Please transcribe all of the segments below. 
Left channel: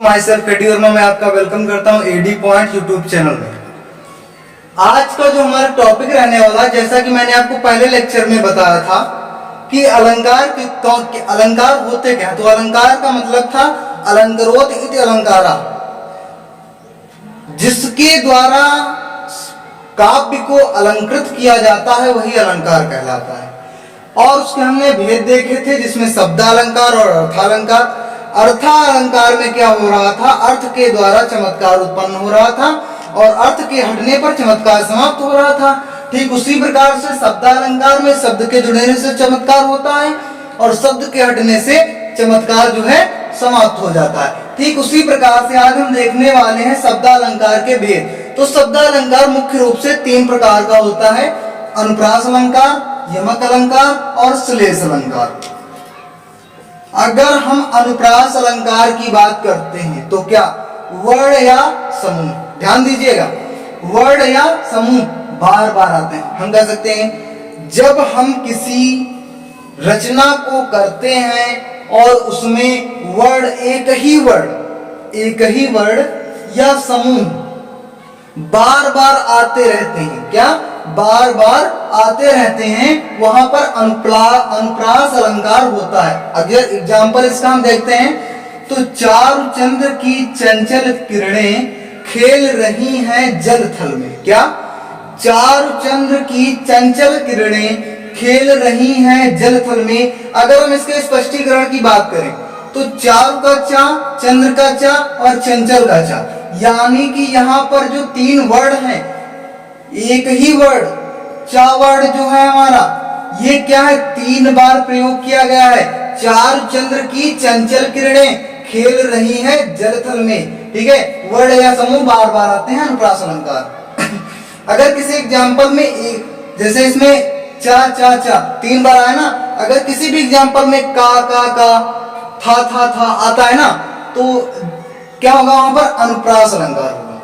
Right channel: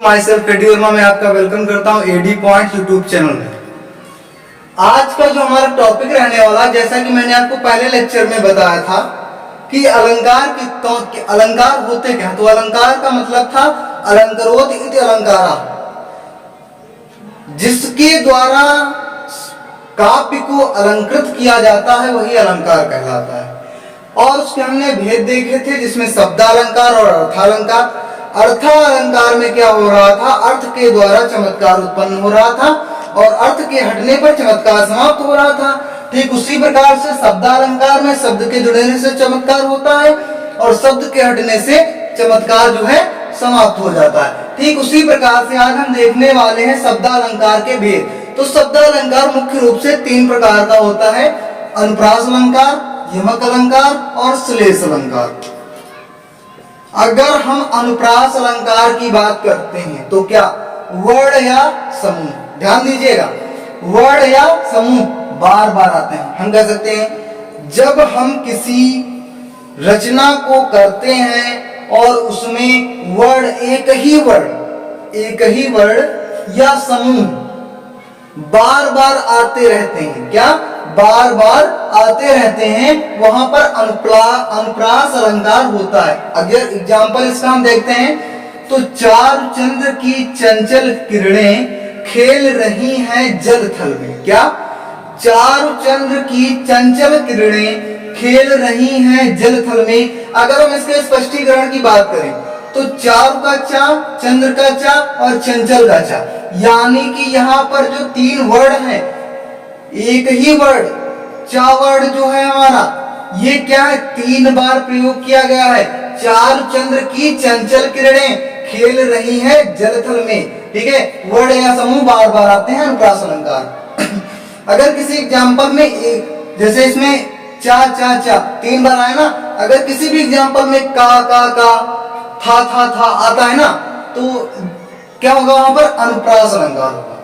My self ready Verma में आपका welcome करता हूं एडी पॉइंट यूट्यूब चैनल में। आज का जो हमारा टॉपिक रहने वाला, जैसा कि मैंने आपको पहले लेक्चर में बताया था कि अलंकार होते क्या, तो अलंकार का मतलब था अलंकरोत इति अलंकारा, जिसके द्वारा काव्य को अलंकृत किया जाता है वही अलंकार कहलाता है। और उसके हमने भेद देखे थे, जिसमें शब्दालंकार और अर्थालंकार। अर्थालंकार में क्या हो रहा था, अर्थ के द्वारा चमत्कार उत्पन्न हो रहा था और अर्थ के हटने पर चमत्कार समाप्त हो रहा था। ठीक उसी प्रकार से शब्दालंकार में शब्द के जुड़ने से चमत्कार होता है और शब्द के हटने से चमत्कार जो है समाप्त हो जाता है। ठीक उसी प्रकार से आज हम देखने वाले हैं शब्दालंकार के भेद। तो शब्दालंकार मुख्य रूप से तीन प्रकार का होता है: अनुप्रास अलंकार, यमक अलंकार और श्लेष अलंकार। अगर हम अनुप्रास अलंकार की बात करते हैं तो क्या वर्ण या समूह, ध्यान दीजिएगा, वर्ण या समूह बार बार आते हैं। हम कह सकते हैं जब हम किसी रचना को करते हैं और उसमें वर्ण एक ही वर्ण या समूह बार बार आते रहते हैं, क्या बार बार आते रहते हैं, वहां पर अनुप्रास अलंकार होता है। अगर एग्जाम्पल इसका हम देखते हैं तो चारु चंद्र की चंचल किरणें खेल रही हैं जल थल में। क्या चारु चंद्र की चंचल किरणें खेल रही हैं जल थल में। अगर हम इसके स्पष्टीकरण की बात करें तो चारु का चा, चंद्र का चा और चंचल का चा, यानी कि यहाँ पर जो तीन वर्ड हैं, एक ही वर्ड चा वर्ड जो है हमारा, ये क्या है, तीन बार प्रयोग किया गया है। चारु चंद्र की चंचल किरणें खेल रही है जलथल में। ठीक है, वर्ड या समूह बार बार आते हैं अनुप्रास अलंकार। अगर किसी एग्जाम्पल में एक, जैसे इसमें चा चा चा तीन बार आया ना, अगर किसी भी एग्जाम्पल में का था आता है ना, तो क्या होगा, वहां पर अनुप्रास अलंकार होगा।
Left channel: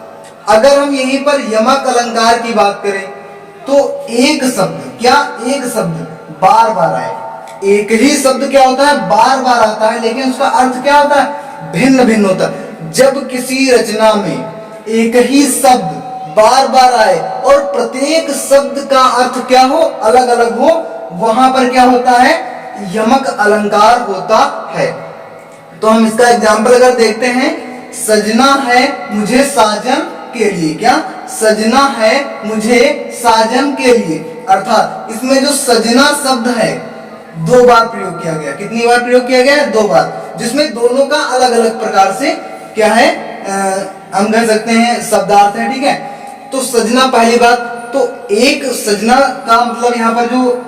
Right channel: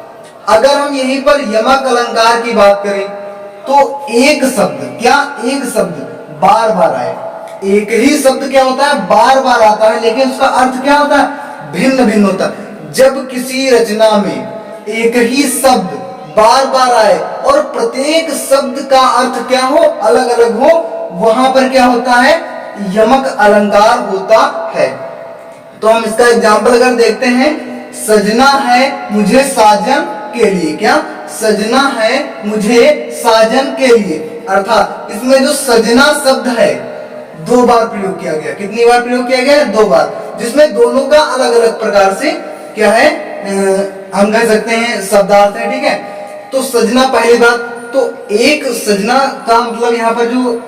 अगर हम यहीं पर यमक अलंकार की बात करें तो एक शब्द बार बार आए, एक ही शब्द क्या होता है, बार बार आता है, लेकिन उसका अर्थ क्या होता है, भिन्न भिन्न होता है। जब किसी रचना में एक ही शब्द बार बार आए और प्रत्येक शब्द का अर्थ क्या हो, अलग अलग हो, वहां पर क्या होता है, यमक अलंकार होता है। तो हम इसका एग्जाम्पल अगर देखते हैं, सजना है मुझे साजन के लिए, क्या सजना है मुझे साजन के लिए, अर्थात इसमें जो सजना शब्द है दो बार प्रयोग किया गया। कितनी बार प्रयोग किया गया है, दो बार, जिसमें दोनों का अलग अलग प्रकार से क्या है, हम कह सकते हैं शब्दार्थ है। ठीक है, तो सजना पहली बात, तो एक सजना का मतलब यहाँ पर जो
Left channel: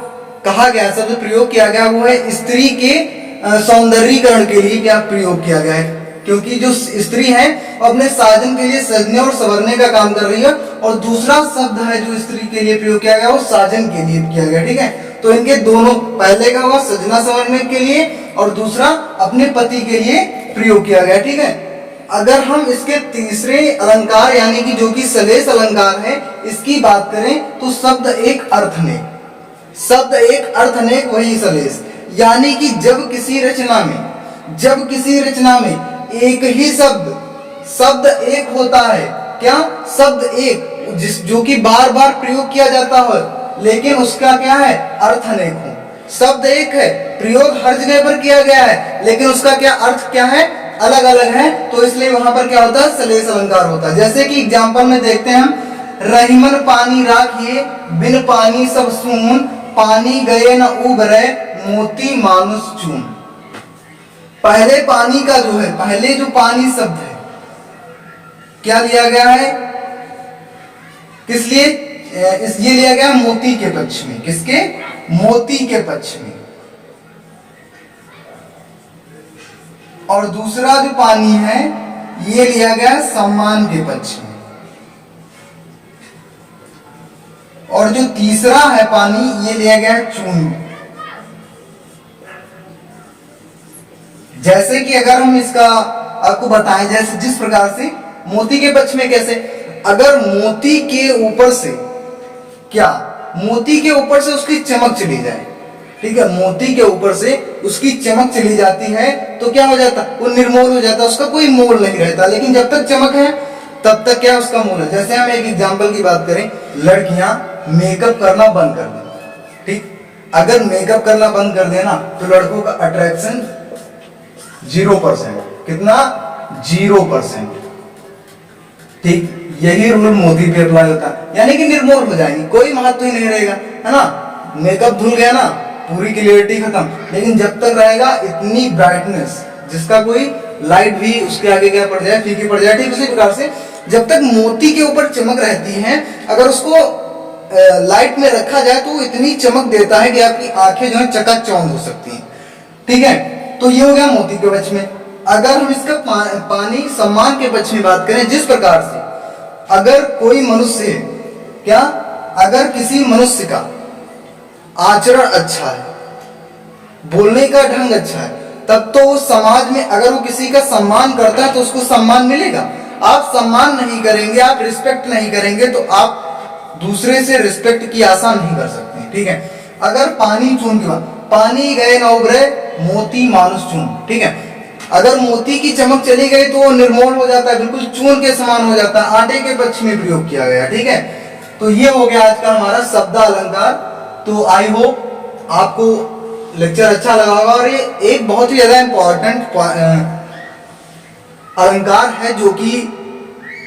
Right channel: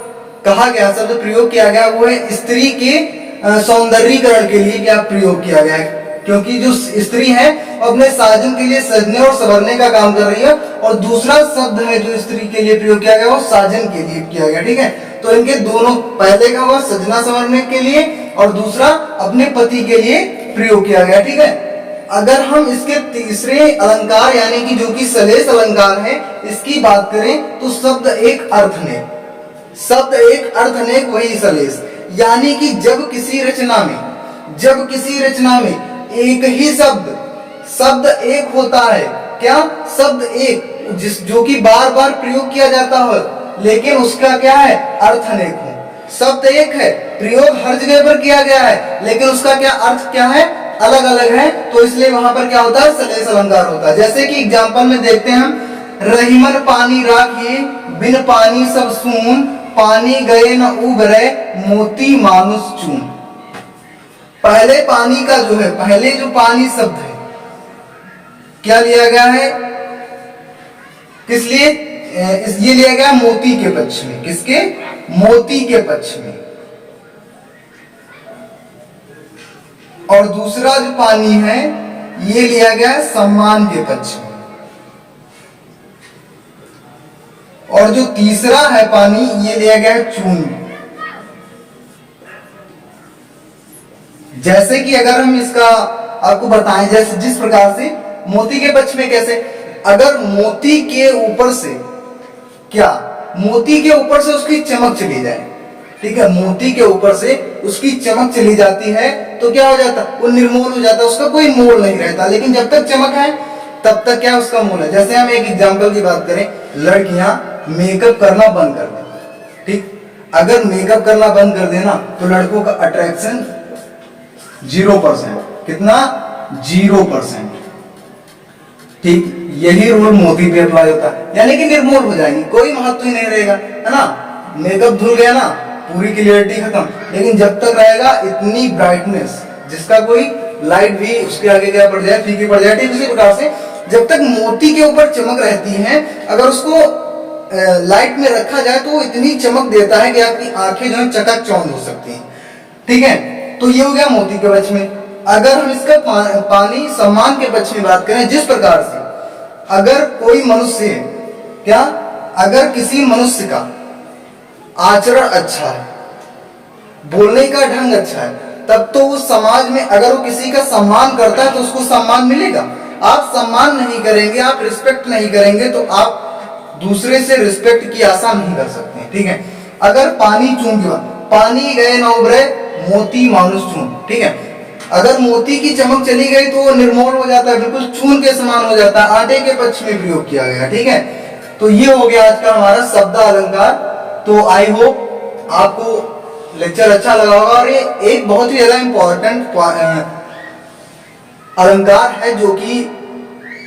कहा गया, शब्द प्रयोग किया गया वो है स्त्री के सौंदर्यीकरण के लिए क्या प्रयोग किया गया है, क्योंकि जो स्त्री है अपने साजन के लिए सजने और संवरने का काम कर रही है, और दूसरा शब्द है जो स्त्री के लिए प्रयोग किया गया वो साजन के लिए किया गया। ठीक है, तो इनके दोनों, पहले का हुआ सजना संवरने के लिए और दूसरा अपने पति के लिए प्रयोग किया गया। ठीक है, अगर हम इसके तीसरे अलंकार यानी कि जो कि श्लेष अलंकार है, इसकी बात करें तो शब्द एक अर्थ अनेक वही श्लेष, यानी कि जब किसी रचना में एक ही शब्द एक होता है, क्या शब्द एक जो कि बार बार प्रयोग किया जाता है, लेकिन उसका क्या है, अर्थ अनेक हो। शब्द एक है, प्रयोग हर जगह पर किया गया है, लेकिन उसका क्या अर्थ क्या है, अलग अलग है, तो इसलिए वहां पर क्या होता है, श्लेष अलंकार होता है। जैसे कि एग्जाम्पल में देखते हैं हम, रहीमन पानी राखिए बिन पानी सब सून, पानी गए न उबरे मोती मानुष चून। पहले पानी का जो है, पहले जो पानी शब्द है क्या लिया गया है, किस लिए, ये लिया गया मोती के पक्ष में। किसके, मोती के पक्ष में। और दूसरा जो पानी है ये लिया गया है सम्मान के पक्ष में। और जो तीसरा है पानी, ये लिया गया है चून। जैसे कि अगर हम इसका आपको बताएं, जैसे जिस प्रकार से मोती के पक्ष में, कैसे, अगर मोती के ऊपर से उसकी चमक चली जाए, ठीक है, मोती के ऊपर से उसकी चमक चली जाती है तो क्या हो जाता है, वो निर्मूल हो जाता है, उसका कोई मोल नहीं रहता। लेकिन जब तक चमक है तब तक क्या उसका मोल है। जैसे हम एक एग्जांपल की बात करें, लड़कियां मेकअप करना बंद कर दें, ठीक, अगर मेकअप करना बंद कर देना तो लड़कों का अट्रैक्शन 0%, कितना 0%, ठीक। यही रूल मोदी पे अप्लाई होता है, यानी कि निर्मूल हो जाएंगी, कोई महत्व ही नहीं रहेगा, है ना। मेकअप धुल गया ना, पूरी क्लियरिटी खत्म। लेकिन जब तक रहेगा इतनी ब्राइटनेस जिसका कोई लाइट भी उसके आगे क्या पड़ जाए, फीकी पड़ जाए, ठीक उसी प्रकार से जब तक मोती के ऊपर चमक रहती है, अगर उसको लाइट में रखा जाए तो वो इतनी चमक देता है कि आपकी आंखें जो है चकाचौंध हो सकती हैं, ठीक है। तो ये हो गया मोती के पक्ष में। अगर हम इसका पानी सम्मान के पक्ष में बात करें, जिस प्रकार से अगर कोई मनुष्य क्या, अगर किसी मनुष्य का आचरण अच्छा है, बोलने का ढंग अच्छा है, तब तो उस समाज में अगर वो किसी का सम्मान करता है तो उसको सम्मान मिलेगा। आप सम्मान नहीं करेंगे, आप रिस्पेक्ट नहीं करेंगे तो आप दूसरे से रिस्पेक्ट की आशा नहीं कर सकते, ठीक है। अगर पानी चून की बात, पानी गए न उभरे मोती मानुष चून, ठीक है। अगर मोती की चमक चली गई तो वो निर्मूल हो जाता है, बिल्कुल चून के समान हो जाता है, आटे के पक्ष में प्रयोग किया गया, ठीक है। तो ये हो गया आज का हमारा शब्द अलंकार। तो आई होप आपको लेक्चर अच्छा लगा होगा। और ये एक बहुत ही ज्यादा इंपॉर्टेंट अलंकार है जो कि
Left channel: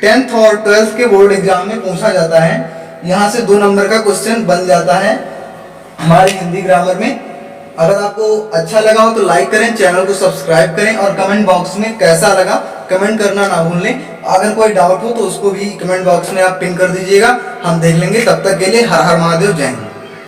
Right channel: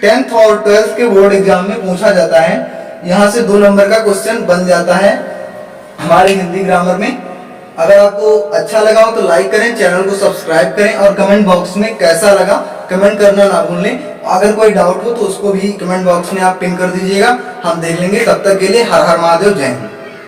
10th और 12th के बोर्ड एग्जाम में पूछा जाता है। यहाँ से 2 नंबर का क्वेश्चन बन जाता है हमारे हिंदी ग्रामर में। अगर आपको अच्छा लगा हो तो लाइक करें, चैनल को सब्सक्राइब करें और कमेंट बॉक्स में कैसा लगा कमेंट करना ना भूलें। अगर कोई डाउट हो तो उसको भी कमेंट बॉक्स में आप पिन कर दीजिएगा, हम देख लेंगे। तब तक के लिए हर हर महादेव, जय हिंद।